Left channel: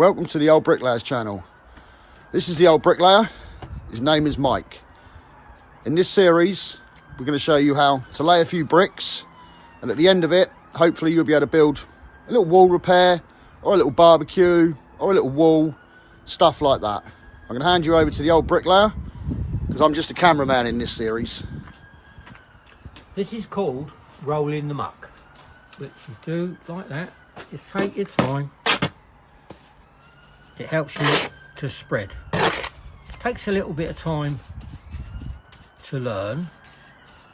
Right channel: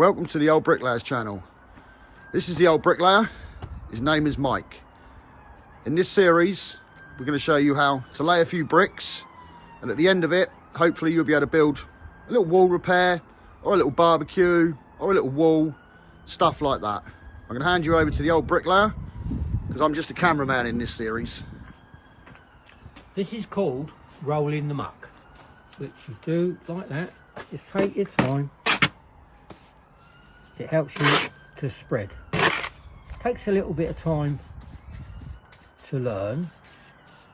Welcome to the Old Bricklayers channel. This is the Old Bricklayer. His name is Mike. In this series, we're going to show you how to lay a few bricks, and at the end of it, hopefully you'll be able to build a little wall repair, or a little barbecue, or a little wall, stuff like that. I'm going to hand you over to the Old Bricklayer, because I'm just a cameraman in this series. This is called rolling the muck, which you do like that. Just take your time. It helps you to spread. Takes a little bit of time to learn,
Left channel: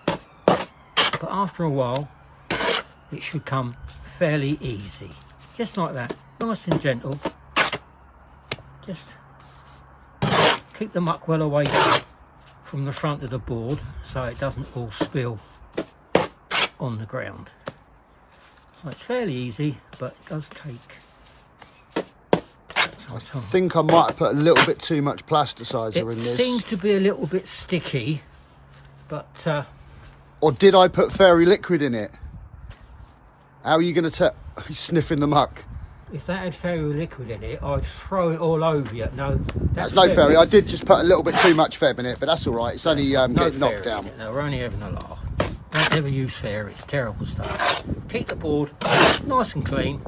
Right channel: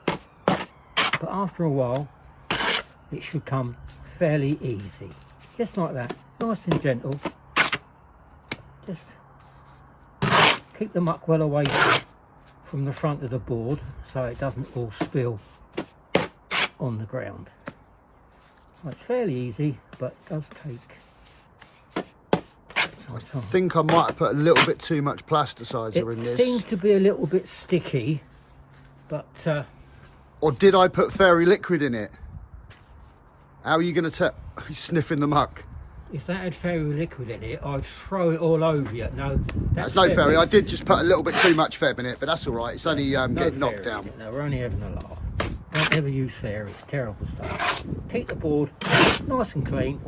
but after a while it should come fairly easy. Just like that, nice and gentle. Just keep the muck well away from the front of the board so it doesn't all spill on the ground. So it's fairly easy, but it does take I think I might have put a little bit too much plasticizer in this. It seems to be a little bit sticky, but... or did I put fairy liquid in it? How are you going to tell? He's sniffing the muck. If that had fairy liquid in it, I'd throw it all over you. No, that's no fairy. I did just put a little bit too much Feb in it, but that's all right. It's only getting knocked down. No, we're only having a laugh. Don't ever use fairy. It's terrible stuff. Keep the board nice and clean.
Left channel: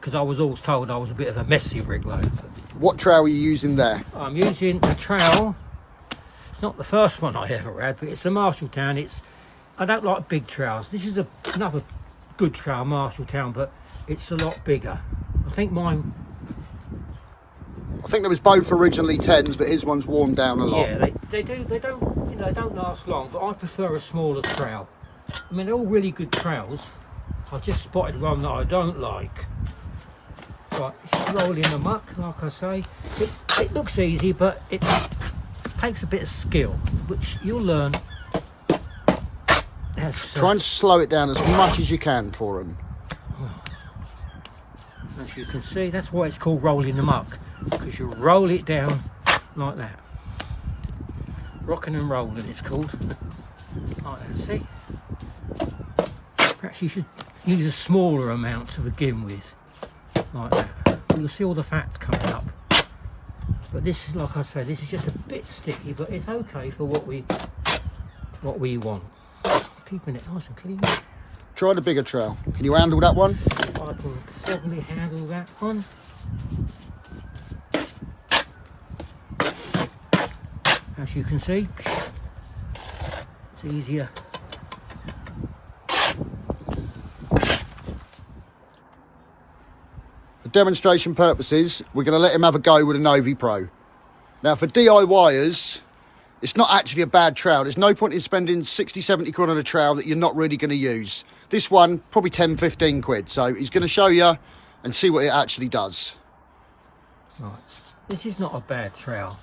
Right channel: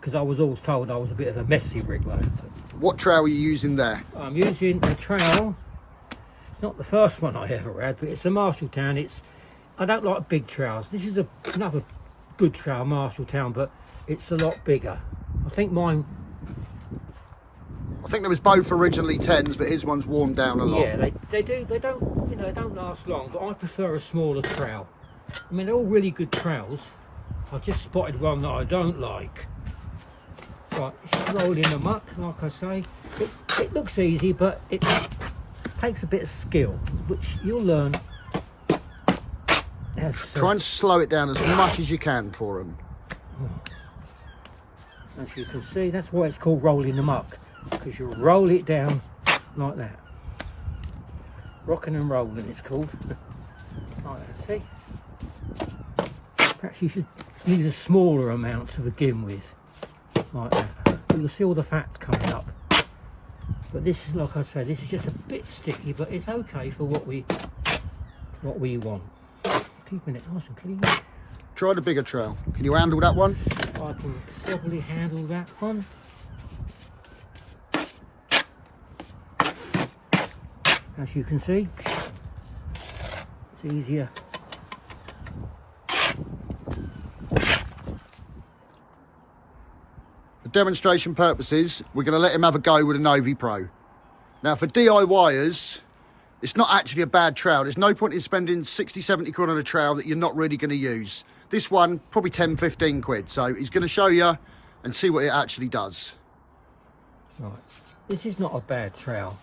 Because I was always told I was a bit of a messy bricklayer. What trowel are you using there? I'm using a trowel. It's not the first one I ever had, but it's a Marshalltown. I don't like big trowels. This is another good trowel, Marshalltown, but it's a lot bigger. I think there was both originally 10s, but his one's worn down a lot. Yeah, they don't last long, but I prefer a smaller trowel. I mean, they're all really good trowels. I've just spotted one that I don't like. Right, just roll in the muck, like I say. It looks easy, but it takes a bit of skill, which you'll learn. Try and slow it down as much as you can for them. As you can see, that's why it's called rolling the muck, because you roll it down like that. Rocking and rolling, it's called. Like that, see? Perhaps you should use a smaller amount to begin with. Like that. You'll see all the fats coming up. But this is, like I say, this is just a bit sticky, but it's okay for what we want. Keeping it nice and clean. Try the bigger trowel. Can you handle that one? I can probably handle that one. As you can see, it's easier. For demonstration purposes, we're going to let him have a go with a Novi Pro. Now, for DIYers, it's not actually a bad trowel. There's no point in spending 60, 70 quid on a trowel that you're not really going to use. This one, probably 10, 15 quid. So he's going to show you and see what it actually does. Right, this is not a bad trowel.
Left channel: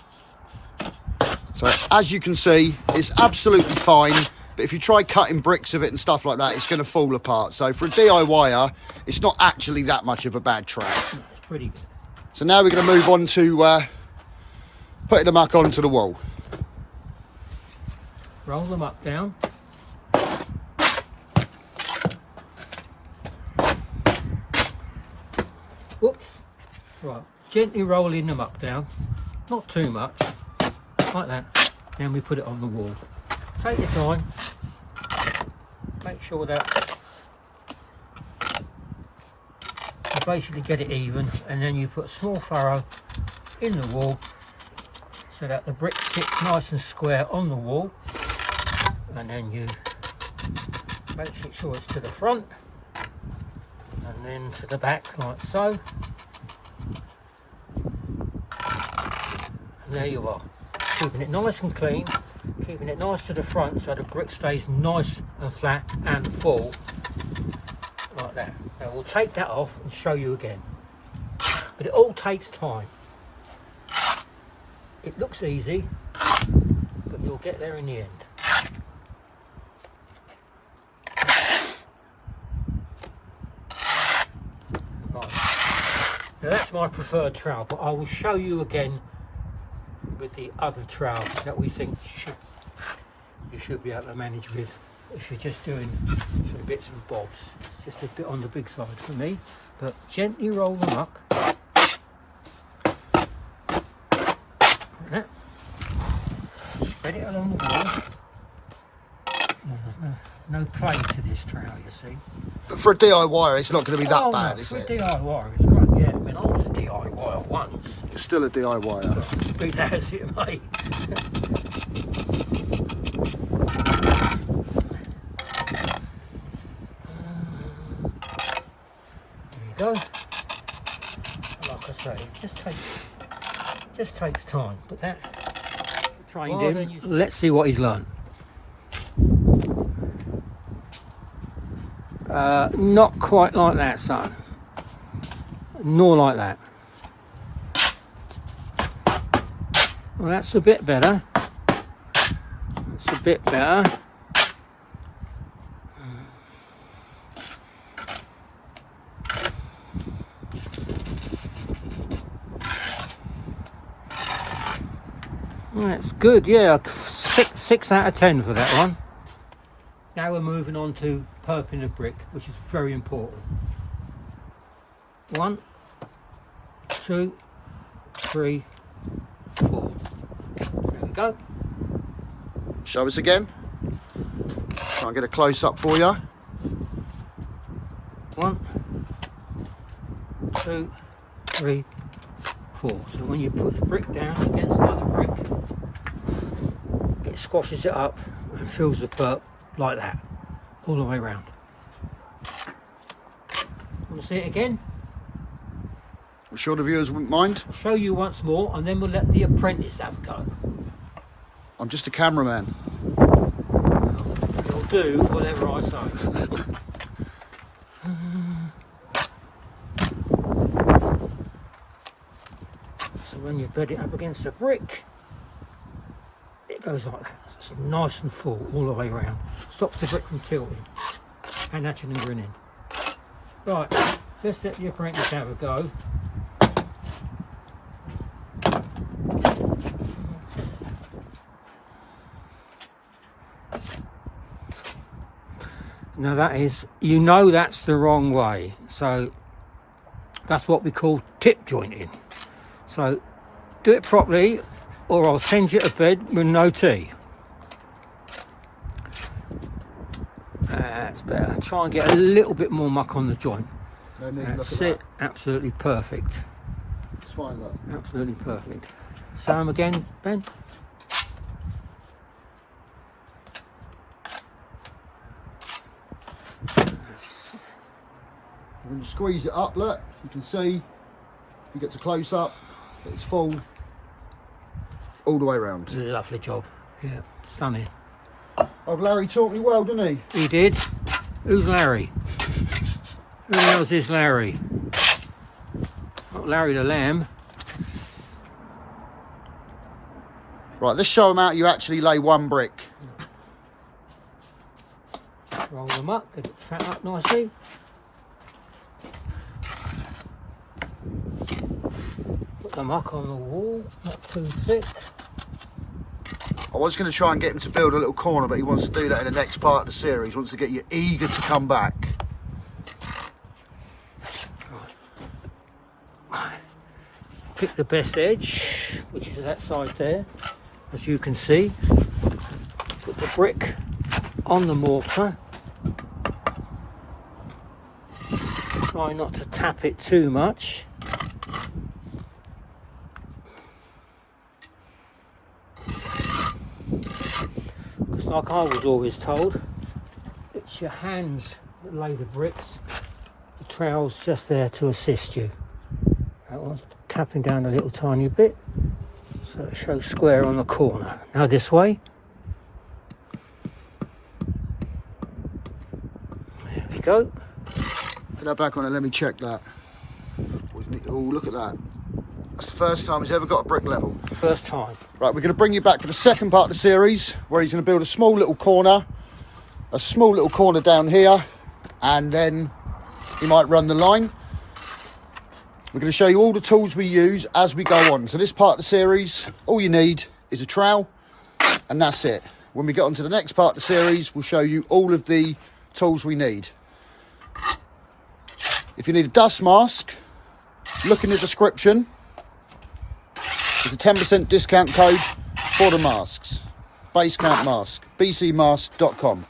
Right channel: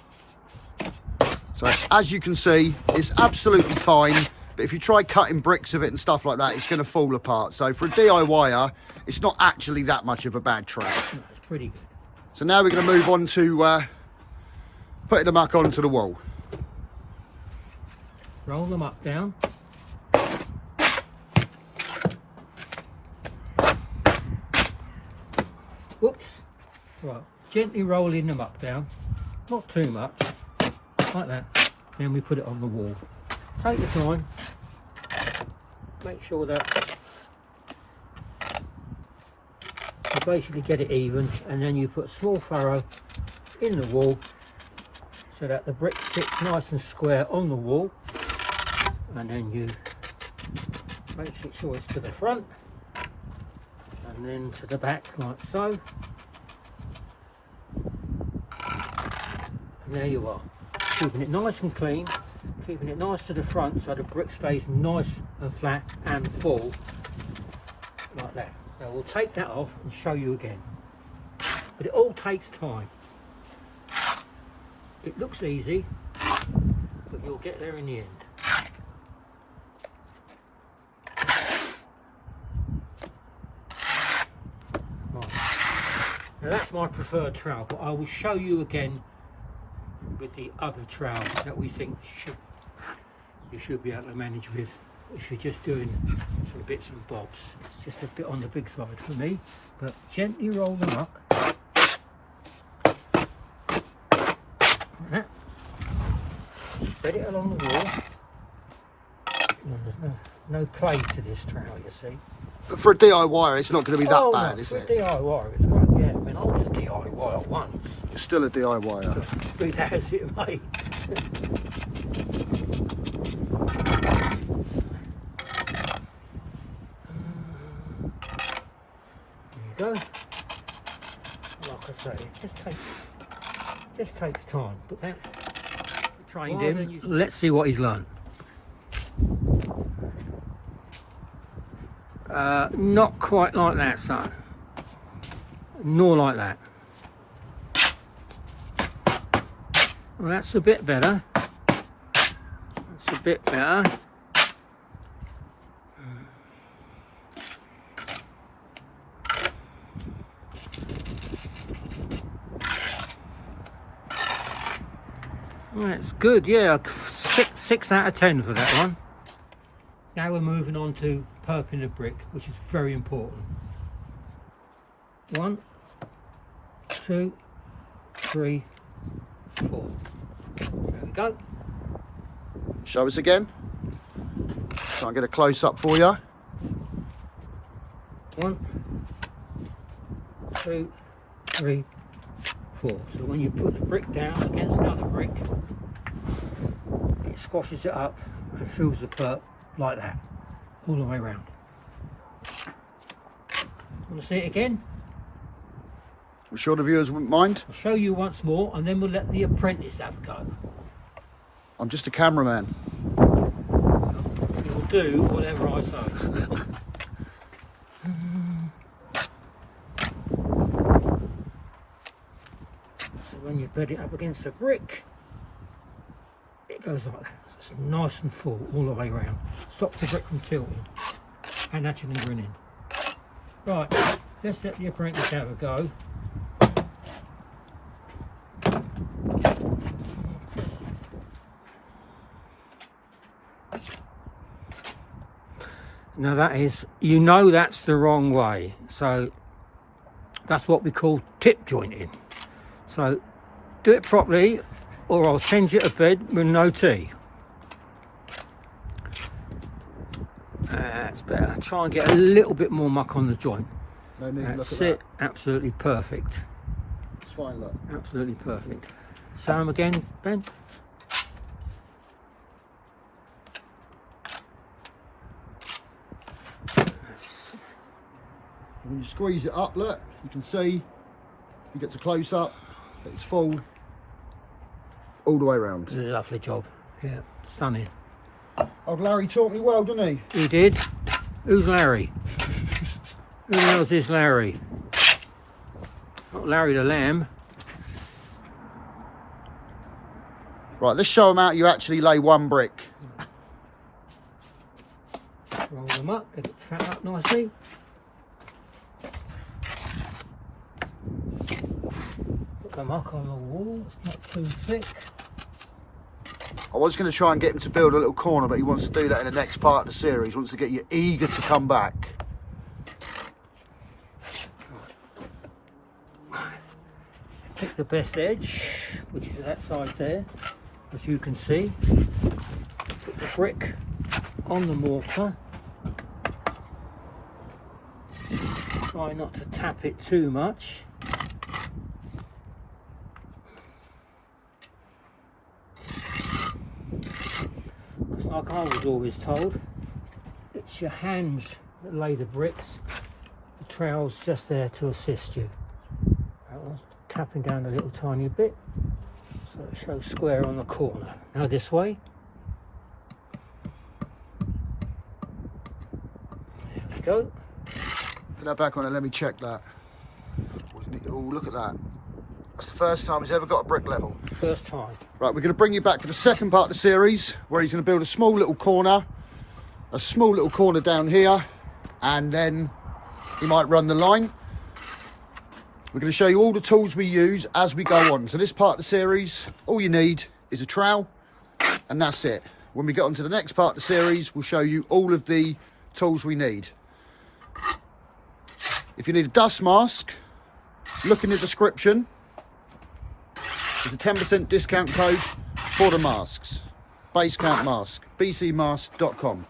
So as you can see, it's absolutely fine. But if you try cutting bricks of it and stuff like that, it's going to fall apart. So for a DIYer, it's not actually that much of a bad trowel. No, it's pretty good. So now we're going to move on to putting the muck onto the wall. Roll them up down. Whoops. Right, gently rolling them up down. Not too much. Like that. Then we put it on the wall. Take your time. Make sure that you basically get it even, and then you put a small furrow in the wall so that the brick sits nice and square on the wall. And then you make sure it's to the front and then to the back like so. And there you are, keeping it nice and clean, keeping it nice to the front so the brick stays nice and flat and full like that. Now we'll take that off and show you again, but it all takes time. It looks easy, but you'll get there in the end. Now that's my preferred trowel, but I will show you again with the other trowel that we think you should be able to manage with if you're just doing some bits and bobs. It's just a bit on the big side for me. but gently roll the muck. Like that. Spread it along the wall. Yeah, there's no play to this trowel, you see. But for a DIYer, it's not going to be that bad, no, is for it? a DIYer, it's great. Yeah, I mean, I was a DIYer once. You're still a DIYer. But be that as it may. There you go. Like I say, it just takes time. But that trained him. Let's see what he's learned. Not quite like that, son. Nor like that. Well, that's a bit better. That's a bit better. That's good, yeah. 6 out of 10 for that one. Now we're moving on to perping the brick, which is very important. 1, 2, 3, 4. There we go. Show us again. Try and get a close up for you. 1, 2, 3, 4. So when you put the brick down against another brick, it squashes it up and fills the perp like that, all the way around. Want to see it again? I'm sure the viewers wouldn't mind. I'll show you once more and then we'll let the apprentice have a go. I'm just a cameraman. You'll do whatever I say. So when you bed it up against the brick, it goes like that. It's nice and full all the way around. Stops the brick from tilting and hatching and grinning. Right, let's let the apprentice have a go. Now that is, you know, that's the wrong way. So that's what we call tip jointing. So do it properly or I'll send you to bed with no tea. That's better. Try and get a little bit more muck on the joint. No need to look That's at it. that. Absolutely perfect. It's fine, look. Absolutely perfect. Show him again, Ben. When you squeeze it up, look, you can see, you get to close up, it's full all the way around. Lovely job. Yeah, stunning. Oh, Larry taught me well, didn't he? He did. Who's Larry? Who the hell's this Larry? Not Larry the Lamb. Right, let's show them how you actually lay one brick. Roll them up, get it set up nicely. Put the muck on the wall, not too thick. I was going to try and get him to build a little corner, but he wants to do that in the next part of the series. He wants to get you eager to come back. Pick the best edge, which is that side there, as you can see. Put the brick on the mortar. Try not to tap it too much. Because like I was always told, it's your hands that lay the bricks. The trowel's just there to assist you. That one's tapping down a little tiny bit, so it shows square on the corner. Now this way. There we go. Put that back on and let me check that. Oh, look at that. That's the first time he's ever got a brick level. First time. Right, we're going to bring you back to the second part of the series where he's going to build a small little corner down here, and then he might run the line. We're going to show you all the tools we use as we go on. So this part of the series, all you need is a trowel, and that's it. When we get on to the next part of the series, we'll show you all of the tools we need. If you need a dust mask, look in the description. There's a 10% discount code for the masks. Basecamp mask, bcmask.com.